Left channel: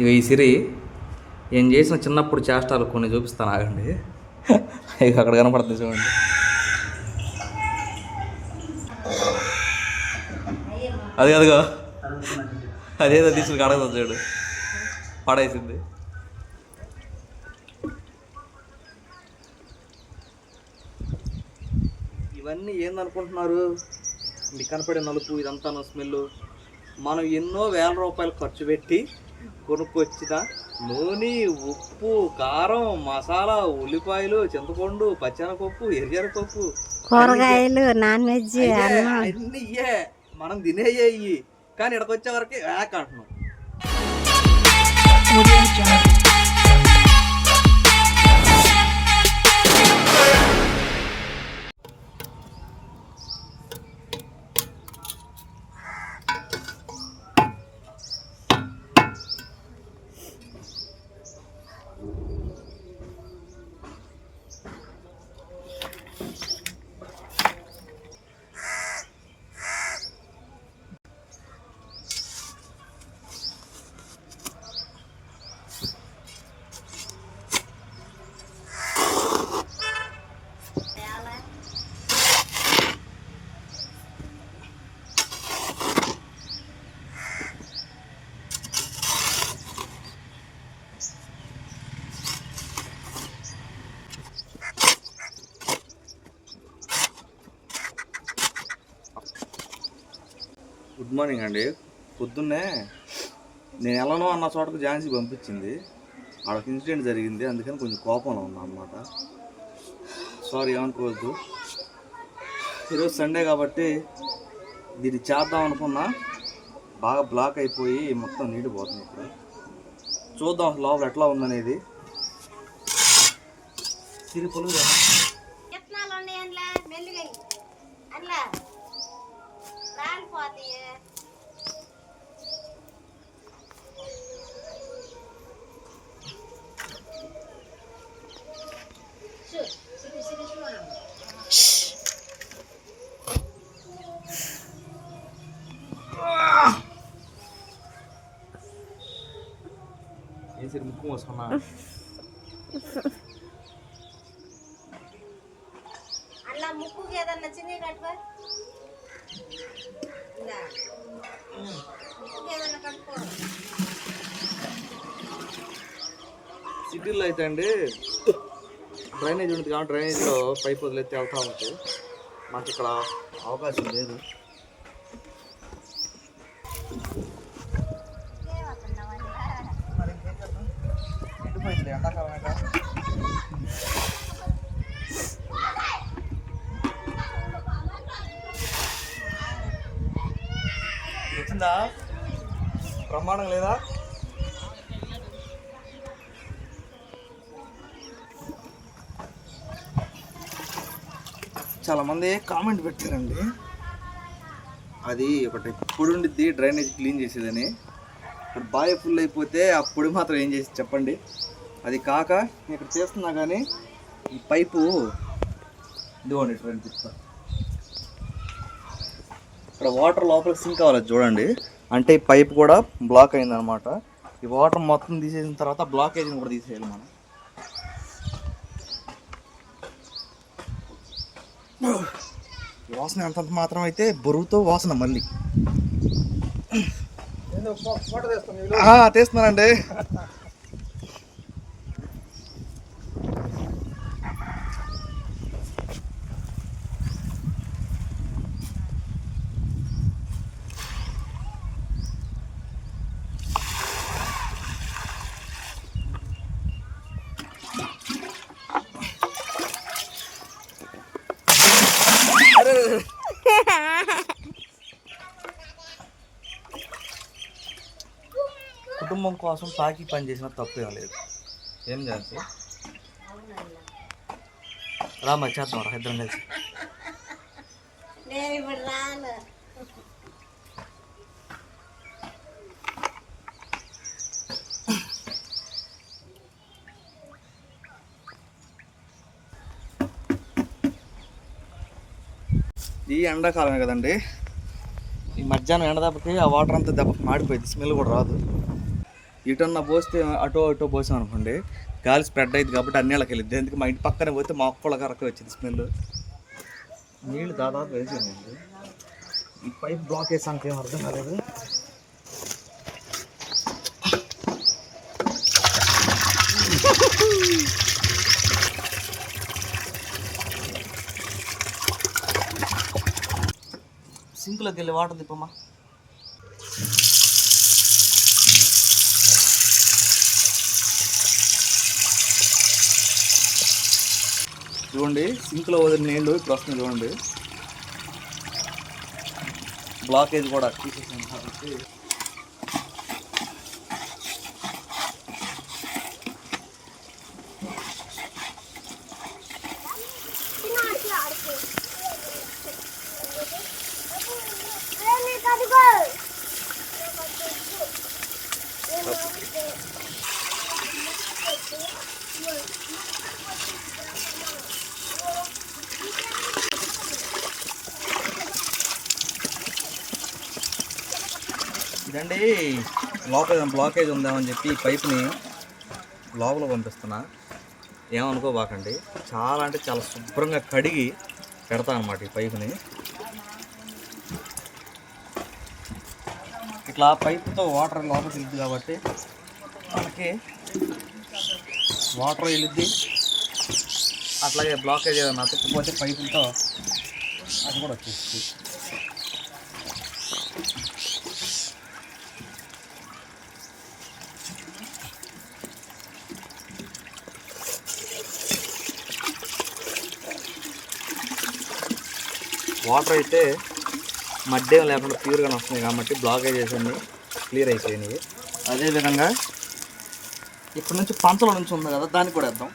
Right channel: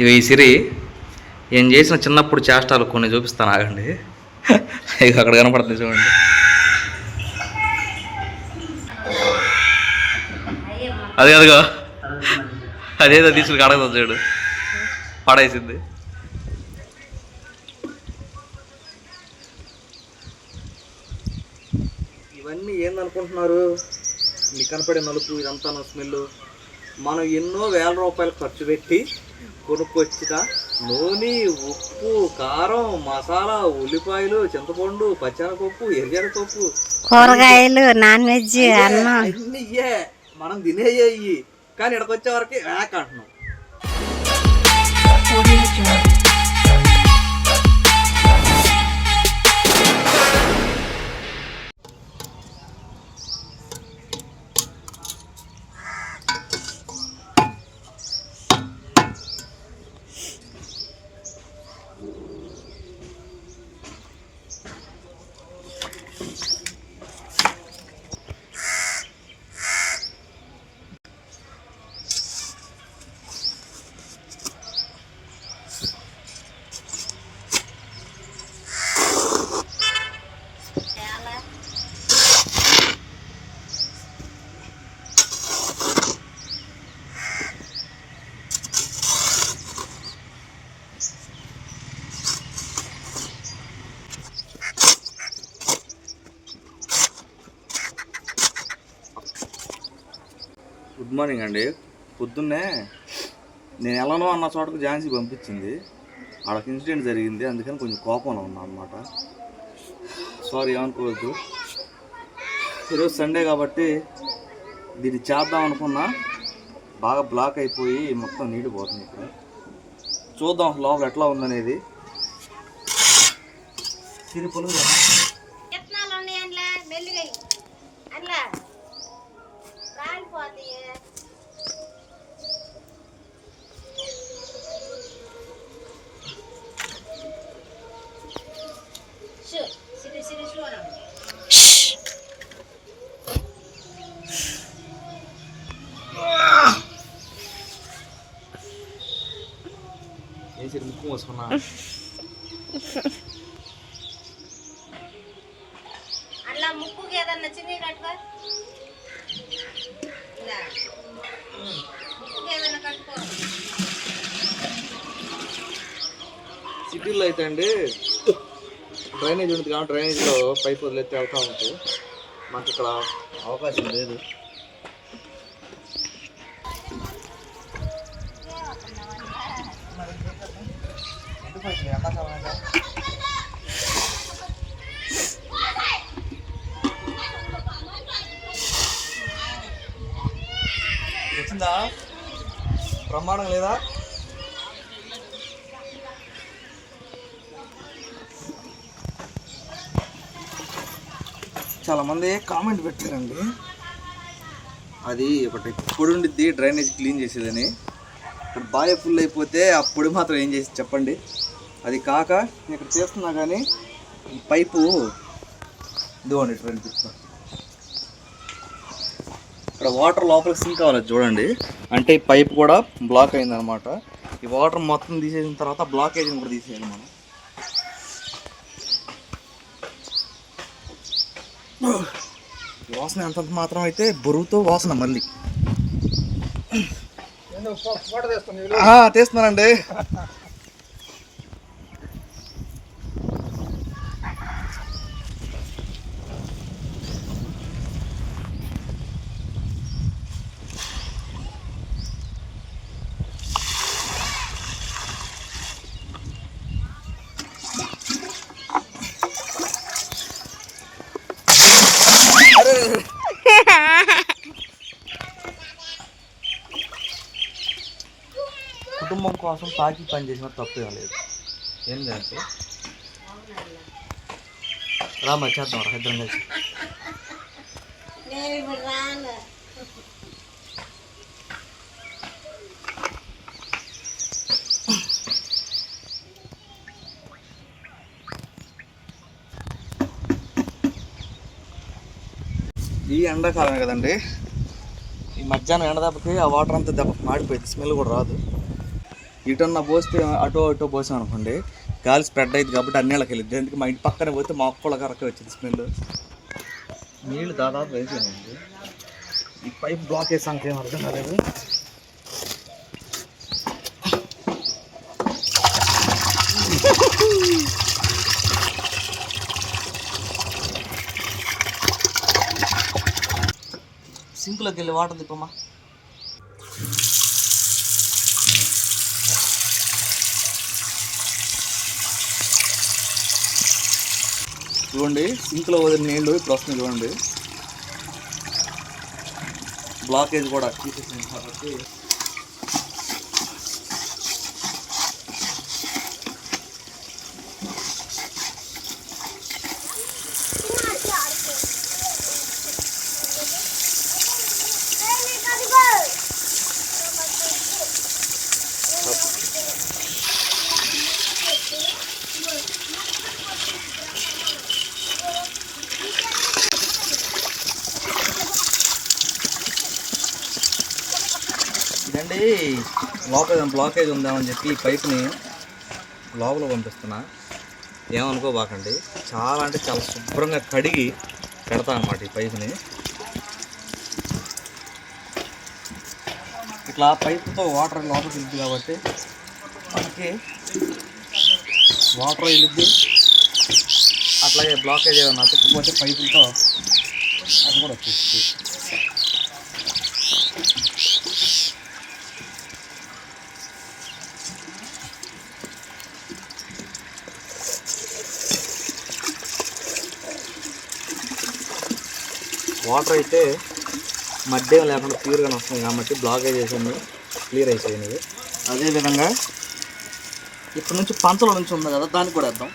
ఇవి ఈ సిరి ఏం చేసిన చిన్నప్పుడు చేష్టాలు కొన్ని చూపిస్తాను, ఆగండి. ఇక అక్కడ కనపడుతుంది చూడండి. అదే అదిగో అదేదో తీసుకుని అడగదు చూడు, పడేసింది. ఇవన్నీ ఏందనుకుంటున్నారు? మీకు కనపడే నలుపు ఇదంతా స్మెల్. మనం ఎన్నో వేల రూపాయలు ఖర్చు పెట్టి కొనుక్కొచ్చిన నూనె, ఉప్పు, కారం, మసాలా, ఉల్లిపాయలు, చింతపండు, పచ్చెనపప్పు, ఎర్రపప్పు, కూరగాయలు, నాన్ వెజ్ అన్నీ ఇయ్యే మనం తినేయ్యి. కానీ ఇక్కడికి వచ్చే వరకు వేక అంటున్నాం. గుడ్ మార్నింగ్ అండి. పొద్దున్నే నేను ఎలానో అన్న చోటకు ఝాన్సీ పంపించింది. ఆడొక ఇన్సిడెంట్ జరిగింది, అందుకని కొంచెం కోపంలో ఉన్నా అనమాట. సారీ, ఏమనుకోవద్దు. ఈరోజు సండే కాబట్టి దీన్ని చేద్దాం అనుకున్నా, బాగా బ్లాక్ అయిపోయి మొత్తం నీళ్ళు పోతుంది. ఇప్పుడు చూద్దాం లోపల ఎట్లా ఉందనేది. సిరిపులు ఏం ముక్కు మోసుకున్నా. సిటీలో అయితే అండి డ్రైనేజ్ ఉంటుంది కాబట్టి డ్రైనేజ్లో పైప్ వదిలేస్తే వెళ్తూ ఉంటాయి. మాకు ఇక్కడ అవకాశం లేదు. వచ్చిందా? బ్రహ్మాండం లేదా? చాలామంది కామెంట్ పెట్టారండి, అది ఒకటి పొడి ఉండిద్ది డ్రైనేజ్ క్లీన్ చేసేదని. ఇక్కడ బాగా ఫుల్ అయిపోతే ఆ పొడి మాత్రం ఏం చేసి చెప్పండి. అది కాక ఇక్కడ చేస్తున్నా కానీ ఈ పైపు ఇదిగోండి ఇటు కనిపిస్తుంది. ఇక్కడ వాటర్ లోపలికి సింక్ అవ్వాలి చూడండి. అంటే ఈ పైప్ కూడా బ్లాక్ అయిందనమాట. ఈ వాటర్ మొత్తం తీసేసిన తర్వాత బ్లాకేజ్ని కూడా తీసేయాలి మనం. వాసన అంతంత మాత్రం అయితే బరువుతో వాసన మళ్ళీ తీస్తున్నానండి. కుటుంబం కోసం తాకి పని చేసిన తప్పేం లేదు. ఏం చేయాలి? రామా చేద్దాం రా ఇద్దరం కలిసి. ఈ ఎండాకాలమే కదండి, ఈ మధ్యాహ్నం ఎండ దెబ్బకి ఆ వాటర్ అంతా దెబ్బకి మాడిపోయింది, స్మెల్ కూడా రాదు. ఇటన్నా పోస్తే అటో పోసాం అనుకోండి గాలి స్ప్రెడ్ అయింది కాబట్టి అన్నిళ్ళకి వెళ్ళిద్ది. ఎందుకు మా ఇంటి పక్కనే పోతే మా ఒక్కళ్ళ కరకే వచ్చింది స్మెల్. నీళ్ళు దాదాపు వేసానండి. ఈ పైప్ బ్లాక్ వేసాక ఏం అర్థం కాలేదు. సింక్లోకి వెళ్ళి వాటర్ తిప్పమ్మా. చూడండి సింక్లో వదిలిన నీళ్ళు ఇప్పుడు వస్తుంది చూడండి. బ్లాకేజ్ కూడా తీసేసాను కాబట్టి ఇదండి లోపల బ్లాకేజ్ ఉందామని చెప్పి ఈ పైప్ని లోపల పంపిస్తున్నా. ఏమనుకోబాకండి, చాలా అంటే చాలా శుభ్రంగా కడిగి పెడతా అన్నమాట ఈ పైపుని. ఇట్లా పైపుతో వాటర్ లోపలికి వెళ్ళిద్ది కాబట్టి మనకి వాటర్ వెళ్ళిద్ది. అట్లాగే బ్లాకేజ్ ఏదైనా అతుక్కుపోతే పైపులతో అది కూడా వచ్చేస్తుంది. వాటర్ అయితే మడ్డేం లేకుండా ప్యూర్గానే వస్తుంది కాబట్టి బ్లాకేజెస్ అన్నీ క్లియర్ అయిపోయినాయి. అదేవిధంగా ఇప్పటి నుంచి పంచల నుంచి ఉంది కదా, దానికి కూడా వేద్దాం.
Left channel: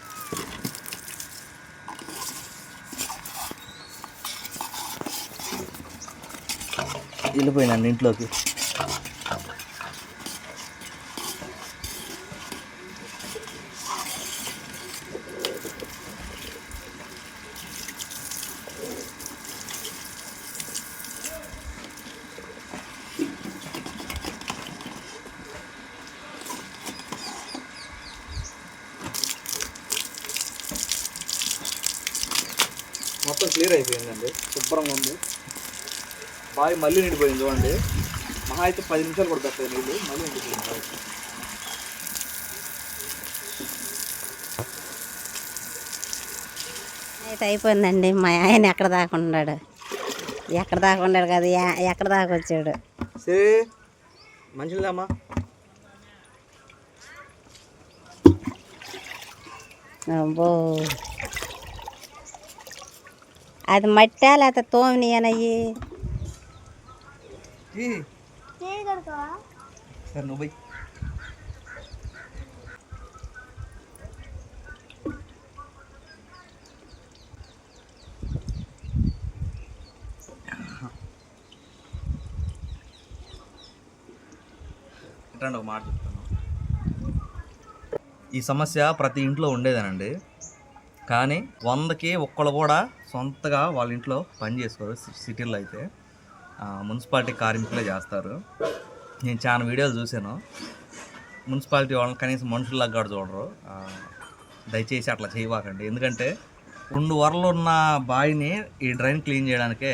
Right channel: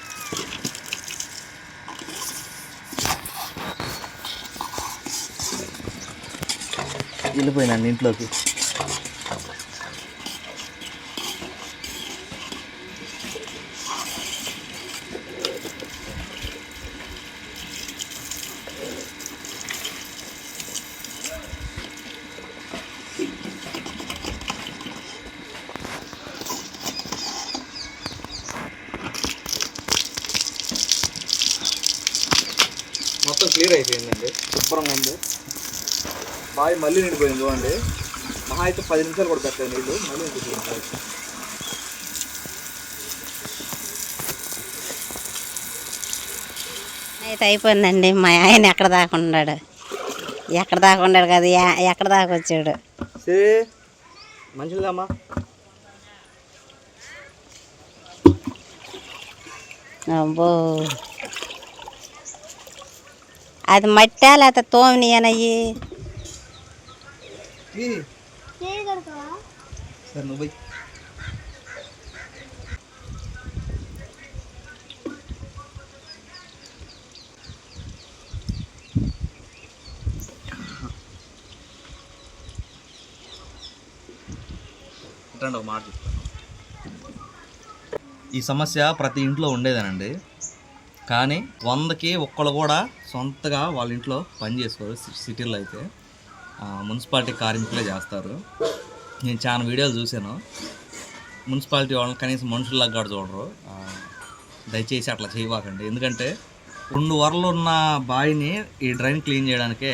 వెళ్ళిపోయినండి ఇంట్లోకి. మొత్తం క్లియర్ అయిపోయిందండి, శుభ్రంగా ఉంది. బావి మళ్ళీ నిండిపోయింది చూడండి. మహా అయితే 10 నిమిషాలు కూడా పెట్టాయి నీళ్ళు, మళ్ళీ నిండిపోయింది బావి. అయితే అయిపోయిందండి. మా ఆయన ఎక్కడ దాకా ఉన్నాడు కదా, ఎక్కడ దాకా వచ్చాడు. మంచిదమ్మా. అబ్బో, అది మట్టా లేకపోతే తోమినయ్యి. సరే నువ్వు ఇట్లాంటి ఒక మాట చెప్తాను. ఈ సమస్య ప్రతి ఇంట్లో ఉండేదేనండి. కానీ 100కి ఒక్కళ్ళు కూడా సొంతగా వాళ్ళ ఇంట్లో పని చేసుకోరు. సిటీల్లో అయితే మున్సిపాలిటీ కార్మికులే చేస్తారు. నేను చాలా వీడియోలు చూశాను. మున్సిపాలిటీ వాళ్ళని కనీసం మనుషుల్లాగా కూడా చూడరు. దయచేసి అట్లా చేయవాకండి. ఎందుకంటే 2 వరలు ఉన్న బావిని ఈ డ్రైన్ క్లీన్ చేయడానికే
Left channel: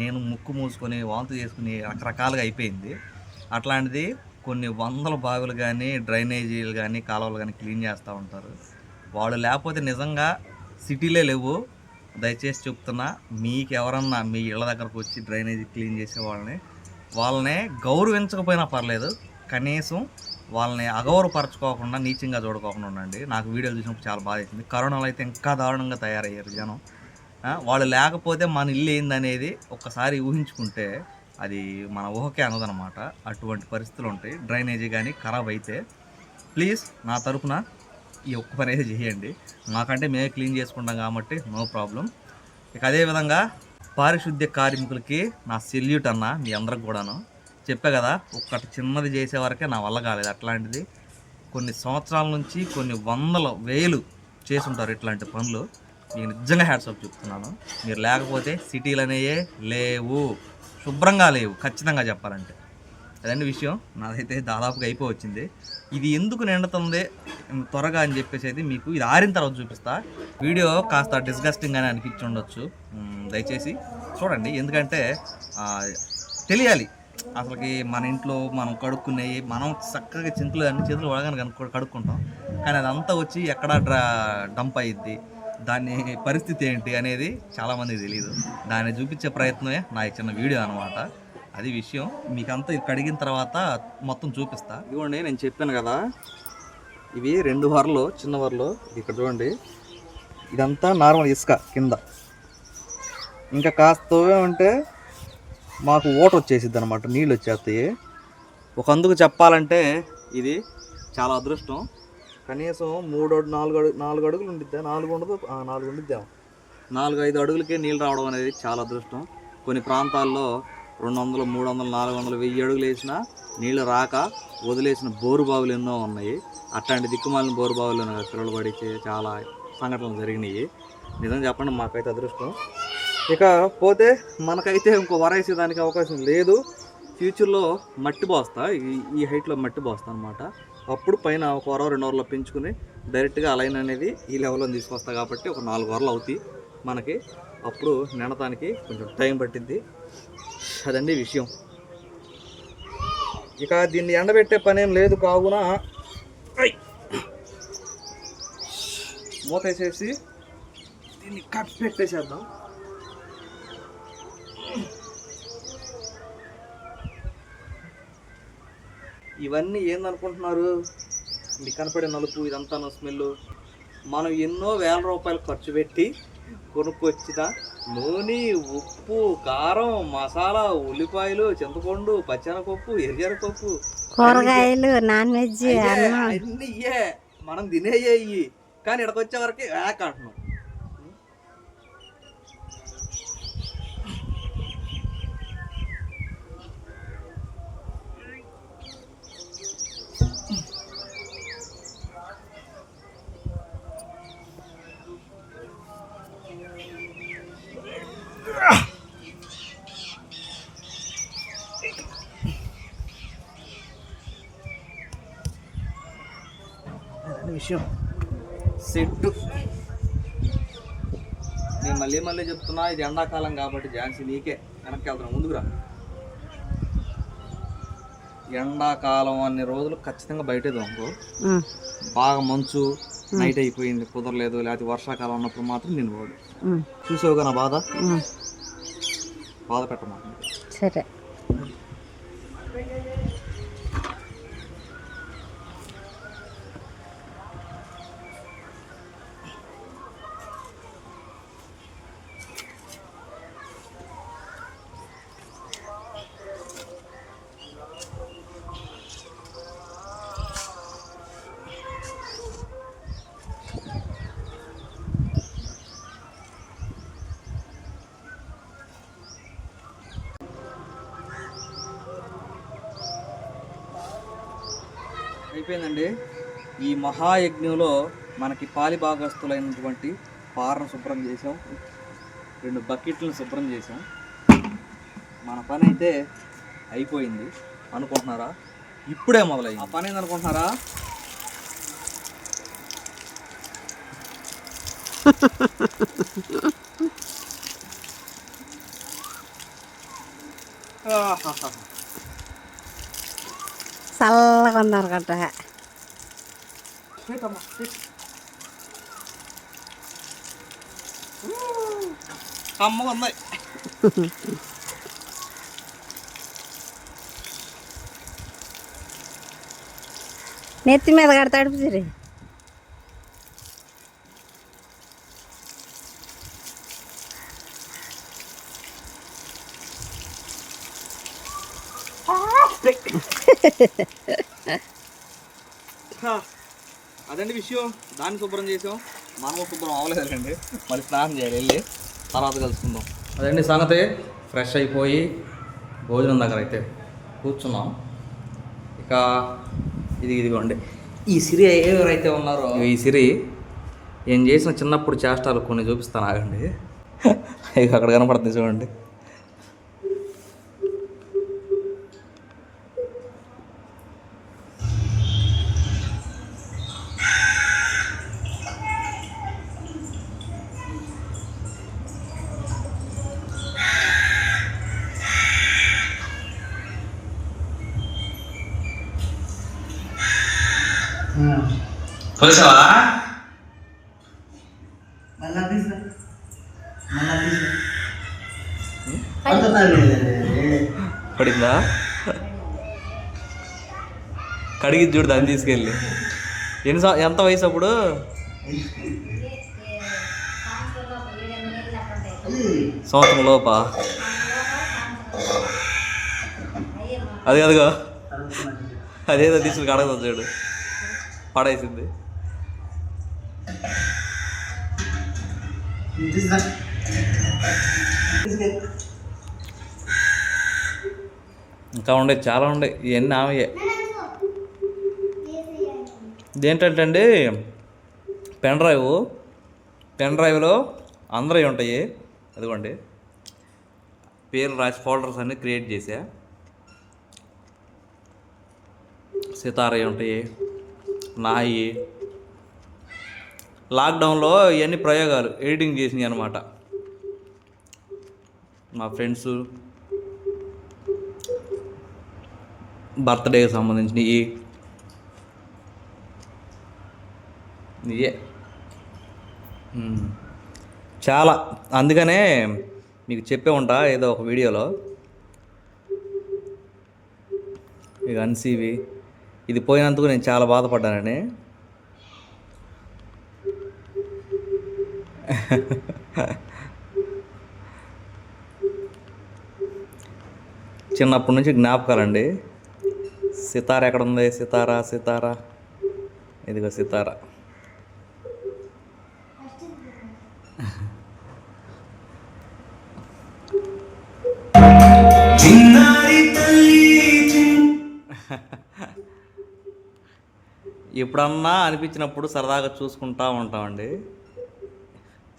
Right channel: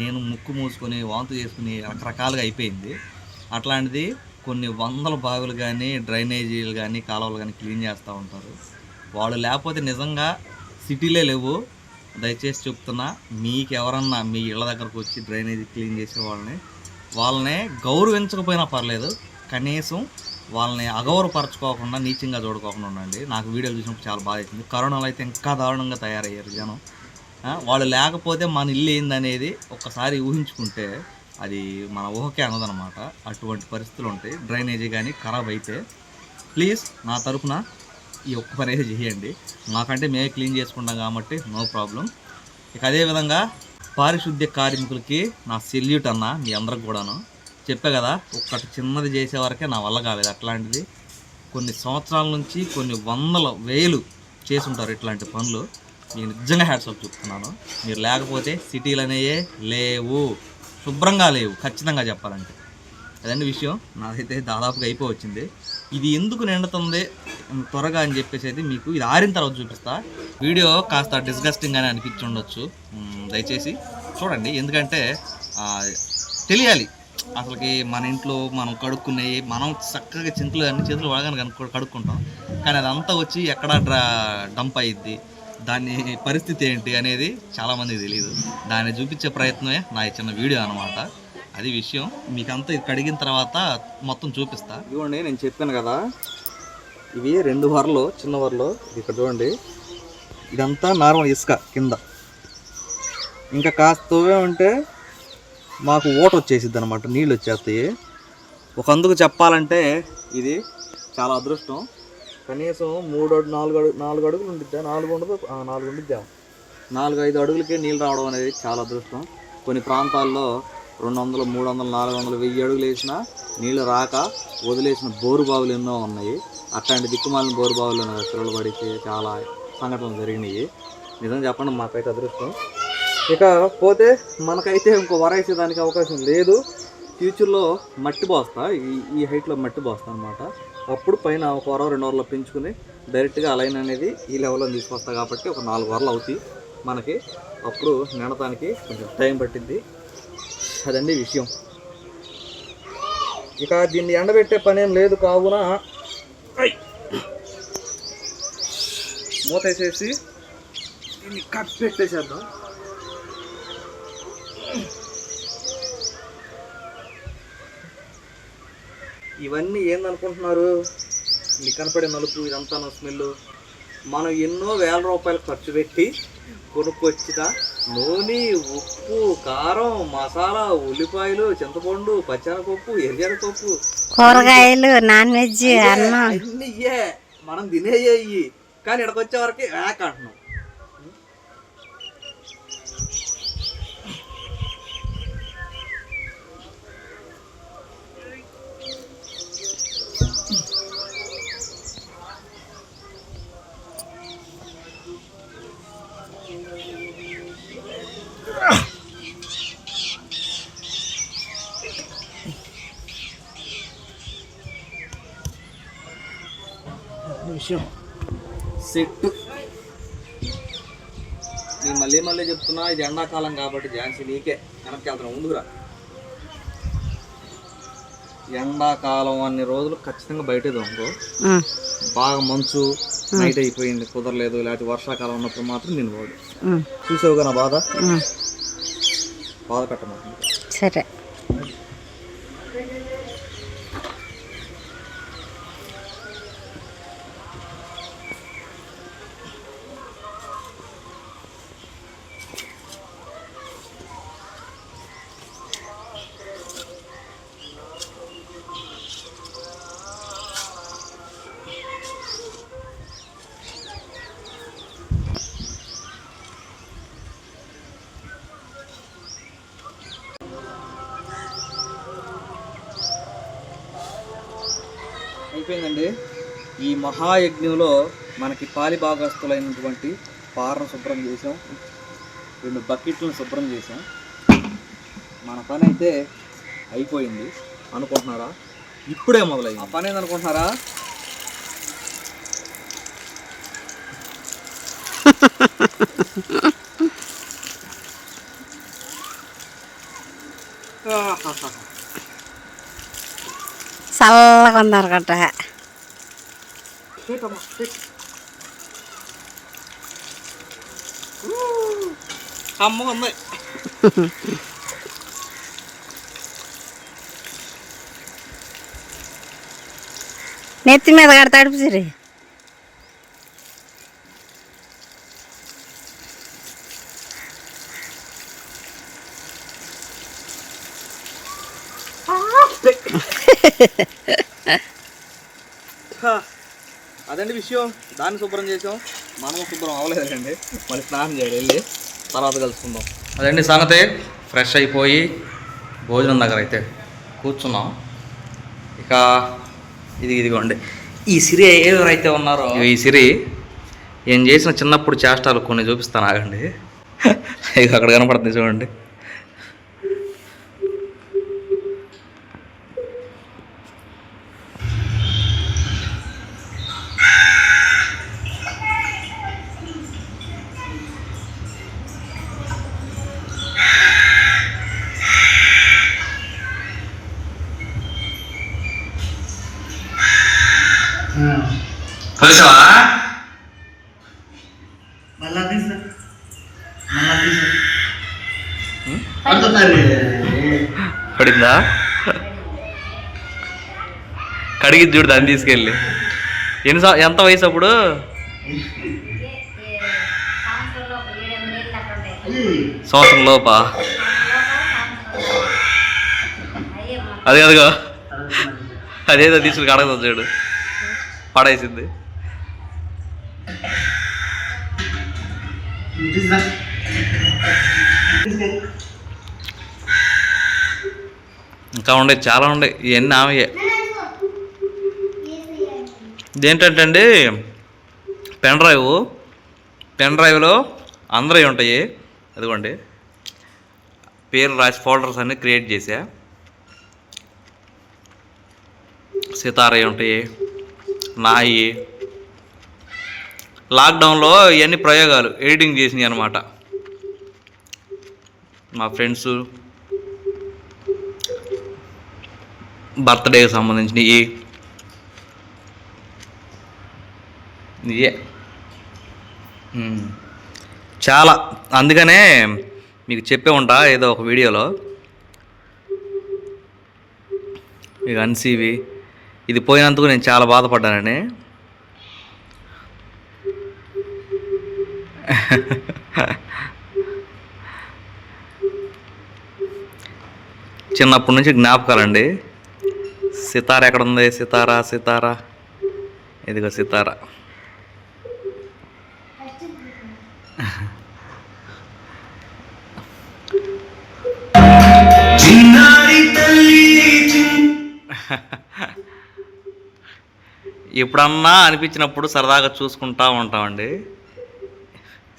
నేను ముక్కు మూసుకొని వాంతు చేసుకుని రకరకాలుగా అయిపోయింది. అట్లాంటిది కొన్ని వందల బావిలు కానీ డ్రైనేజీలు కానీ కాలువలు కానీ క్లీన్ చేస్తూ ఉంటారు. వాళ్ళు లేకపోతే నిజంగా సిటీలే లేవు. దయచేసి చెప్తున్నా, మీకు ఎవరన్నా మీ ఇళ్ళ దగ్గరకు వచ్చి డ్రైనేజీ క్లీన్ చేసే వాళ్ళని గౌరవించకపోయినా పర్లేదు, కనీసం వాళ్ళని అగౌరవపరచుకోకుండా నీచంగా చూడుకోకుండా ఉండండి. నాకు వీడియోలు చూసినప్పుడు చాలా బాగా వేసింది. కరోనాలో అయితే ఇంకా దారుణంగా తయారయ్యారు జనం. వాళ్ళు లేకపోతే మన ఇల్లు ఏందనేది ఒక్కసారి ఊహించుకుంటే అది మన ఊహకే అనదనమాట. అటువంటి పరిస్థితులు ఉంటాయి. డ్రైనేజీ కానీ ఖరాబ్ అయితే ప్లీజ్ నా తరపున ఈ ఒక్క పని అయితే చేయండి. మాకంటే మేమే క్లీన్ చేసుకుంటాం కాబట్టి నో ప్రాబ్లం. ఇక అదేవిధంగా పారిశుద్ధ్య కార్మికులకి నా సెల్యూట్ అన్న, మీ అందరికి కూడాను చెప్పే కదా, ఒక్కటి చిన్నది చేసే వరకే నా వల్ల కాలేదు. అట్లాంటిది కొన్ని సంవత్సరాల నుంచి కొన్ని వందల వేలు చేసుంటారు ఇట్లాంటి పనులు. నేను నిజంగా హ్యాట్సాప్ చెప్తున్నాను. మీరు లేకపోతే సిటీలు అనేవే లేవు, శుభ్రంగా లేవు ఖచ్చితంగా చెప్పాలంటే. అదండి విషయం. నాదైతే దాదాపుగా అయిపోవచ్చింది. ఇది ఎందుకు నిండుతుంది త్వరగా అని చెప్పేసి అయితే మీకు ఇది ఆరిన తర్వాత చూపిస్తా. వీడియో కాస్త డిస్గస్టింగ్గానే అనిపించి ఉండొచ్చు, దయచేసి చూడండి. ఎందుకంటే తెలియాలి అసలుకి మన ఇంట్లో మనం కడుక్కునేవి మనం చక్కగా చింతలు అన్ని చేతులు వాడగానే కడుక్కుంటాం, కానీ అదంతా వచ్చి ఎక్కడ డంప్ అయ్యిద్ది, దాని పరిస్థితి ఏంటి అనేది చాలామందికి తెలియదు. దాన్ని చూపించే ప్రయత్నమే నా చిన్న వీడియో అనమాట. అది విషయం. మీకంతా ఇది కడిగిన తర్వాత మొత్తం చూపిస్తా. ఇదిగోండి, నేను చెప్పాను కదా, ఇవి 2 వరలు, చిన్న వరలు. ఇది ఇక్కడ చూడండి, ఇదంతా నార్మల్ ఇసుక కింద. ఇంకా కాస్త తవ్వే ఉంటే మాకు ఓట వచ్చేసిద్ది అనమాట, నీళ్ళు వచ్చేస్తాయి. ఒక అందుకు చెప్పాలంటే ఇది చాలా అదృష్టం. కనీసం 4 అడుగులు ఉండిద్దా, 4 ఉండదు, 4 ఉండిద్దాం, 4-5 అడుగులకే నీళ్ళు రావడం అనేది చాలా అదృష్టం. కొన్ని ప్రాంతాల్లో 200, 300, 400, 1000 అడుగులు వేసినా నీళ్ళు రాక వదిలేసిన బోరు బావులు ఎన్నో ఉన్నాయి. అట్లాంటి దిక్కుమాలిన బోరు బావులు పిల్లలు పడితే చాలా సంఘటనలు జరిగినాయి. నిజం చెప్పండి, మాకైతే అదృష్టం. ఇక పోతే మనకైతే ఇంకో వరేసేదానికి అవకాశం లేదు. ఫ్యూచర్లో మట్టి పోస్తా, ఈ హైట్లో మట్టి పోస్తా అనమాట. అప్పుడు పైన 1 వర 2 వరలో పెంచుకుని డైరెక్ట్గా లైన్ అనేది ఈ లెవెల్లో తీసుకొస్తా. కాబట్టి ఒక 4 వరలు అవుతాయి మనకి. అప్పుడు నిండటానికి కొంచెం టైం పట్టిద్ది. అదండి విషయం. ఇక దీన్ని ఎండబెట్టే పనేం లేదు కావున మూత వేసేసి దీన్ని కట్ పెట్టేసేద్దాం. ఇవన్నీ ఏందనుకుంటున్నారు, మీకు కనపడే నలుపు ఇదంతా స్మెల్. మనం ఎన్నో వేల రూపాయలు ఖర్చు పెట్టి కొనుక్కొచ్చిన నూనె, ఉప్పు, కారం, మసాలా, ఉల్లిపాయలు, చింతపండు, పచ్చెనపప్పు, ఎర్రపప్పు, కూరగాయలు, నాన్ వెజ్, అన్నీ మనం తినేయ్యి. కానీ ఇక్కడికి వచ్చే వరకు వేక్ అంటున్నాం. విషయం సెట్. నేను మళ్ళీ చెప్తున్నా, ఇది ఎండాకాలం కాబట్టి ఝాన్సీ నీకే వెనక్కి వెళ్తున్నా, ముందుకురా. ఎండాకాలం అన్ని రోజులు ఖచ్చితంగా బయటే దొంగ. బాగా మంచు నైట్ అయిపోయింది, కుదరలేదు, లేకపోతే వర్షాకాలం ఉన్నప్పుడు మాత్రం నేను పోడు. చూసావుగా నా బాధ పెట్టమాకండి. సరే, అయిపోయిందండి. ఈ మహాయజ్ఞంలో మనకి పాలిభాగస్తులైనటువంటి పారను శుభ్రం చేసాం, 2 బకెట్లను శుభ్రం చేసాం. మన పని అయితే అయిపోయింది అనుకుంటున్నారా? ఇప్పుడే మొదలైంది. ఆ పని ఏందనుకుంటున్నారా? చల్లగా ఉన్నారు కట్ట. నెత్తి మీద కడతా తడుపుసిరి. అదండి విషయం. దాన్ని శుభ్రం చేసాం, మనము శుభ్రం అవ్వలేదండి. మళ్ళీ స్నానం చేయాలి, వెళ్ళి తర్వాత కలుసుకుందాం. అదండి సంగతి. ఫ్రెష్ అయిపోయి భోజనం దగ్గర అయితే కూర్చున్నాం. ఇక ఇదిగోండి, ఈ సిరి ఎవరైతే ఉన్నారో, ఈ సిరి ఏం చేసిన చిన్నప్పుడు చేష్టాలు కొన్ని చూపిస్తాను, ఆగండి. ఇక అక్కడ కనపడుతుంది చూడండి. పోసావా? పడిందా? కడిగి చూడు దాన్ని తీసుకెళ్ళి. ఎంత వయసు అప్పుడు? సంవత్సరం లోపా? అదిగో అదేదో తీసుకుని కడగదు చూడు, పడేసింది. ఇంకా ఉండే, చాలా ఉండే. ఇవన్నీ ఆమెయే. ఇదేంటంటే అండి పెన్ డ్రైవ్లో అందరూ ఉంటాయి. అదిగోండి పేర్లు రాసి ఫోల్డర్స్ అన్నీ క్రియేట్ చేసా. సితారవి ఉంటాయి, నాయి. లాక్డౌన్లో ఇవన్నీ ప్రయోగాలు ఎడిటింగ్ చేసినాయి అనమాట. మా ఫ్రెండ్స్ బర్త్డేకి సంబంధించినవి ఇవే చాలా. అందుకనే మీకు చెప్పే ఉంటా ఏదో ఒక వీడియోలో. ఇక అన్సీవి ఇది పోయినందుకు నేను చాలా బాధపడ్డానని. చిన్నప్పటి నుంచి జ్ఞాపకాలండి. సితార ఎక్కడ ఉంది? సితారా ఇదిగో సితార. ఎప్పుడన్నా అనిపించినప్పుడు సరదాగా చూసుకుంటా ఉంటామండి.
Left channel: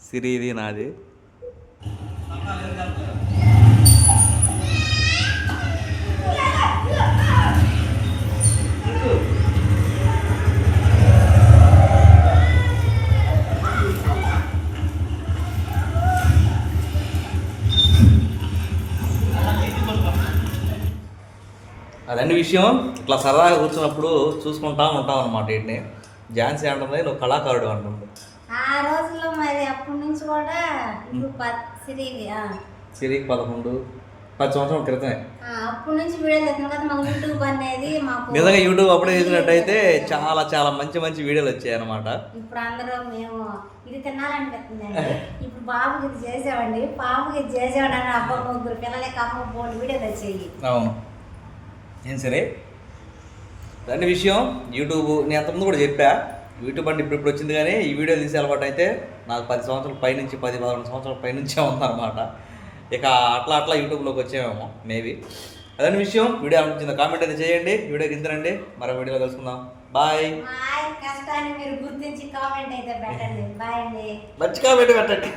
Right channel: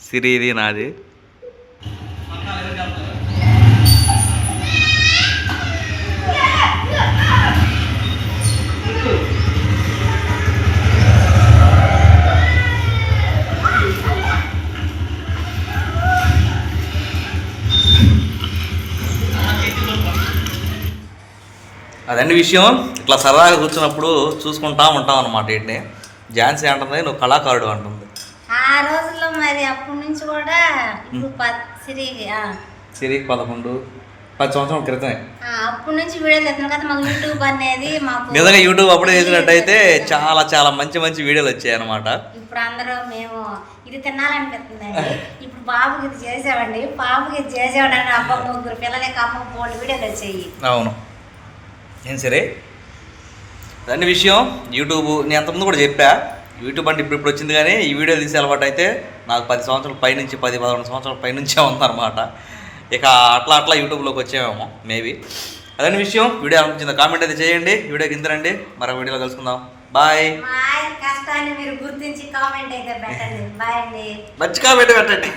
సిరిది నాది. అదండి విషయం. ఇట్లా సరదాగా కూర్చున్నప్పుడు చూసుకుంటా ఉంటాం అన్నమాట. ఏంటి ఝాన్సీ అంటుంది నువ్వు కళాకారుడు అంటుంది. ఆ రోజుల్లో మరి అప్పటి నుంచి కూడా సిరికి 10 సంవత్సరాల క్రితమే అప్పటి నుంచి వీడియోలు ఎత్తున్నా కదా. మాకు యూట్యూబ్ అనేది నిజంగా యూట్యూబ్ అప్పుడే చేసినట్టయితే చాలా చాలా మంచి వీడియోలు వచ్చాయి అనమాట. ఇప్పుడు అందరూ మేము ఇది తినాలనిపిస్తుందండి. ఇప్పుడు బాబుకి ఇది చేసామండి, పాపకి ఇది చేసామండి. అబ్బా 3 పిల్లలకి అమ్మ బోల్డ్ వీడియోలు వచ్చాయి. అవును ఏం సరే దాని విషయం. యూట్యూబ్ నేను అంతకుముందు కూడా చెప్పా, యూట్యూబ్ అంటే ఇప్పుడు వచ్చింది. కానీ ఈ వీడియో తీసే అలవాటు అయితే నాకు 10 సంవత్సరాల పైనుంచి 10-11 సంవత్సరాల పైనుంచే ఉందన్నమాట. ఇక అట్లా యూట్యూబ్లోకి వచ్చామేమో మేబీ. అదే విషయం. వీడియో అనిపించింది కామెంట్ అయితే చేయండి. వీడియోకి ఇంతరండి. మరో వీడియోలో కలుసుకుందాం. బాయ్. కష్టాన్ని మీరు గుర్తించి కామెంట్ అయితే పెట్టండి. బాయ్ అండి. మంచి కామెంట్ పెట్టండి.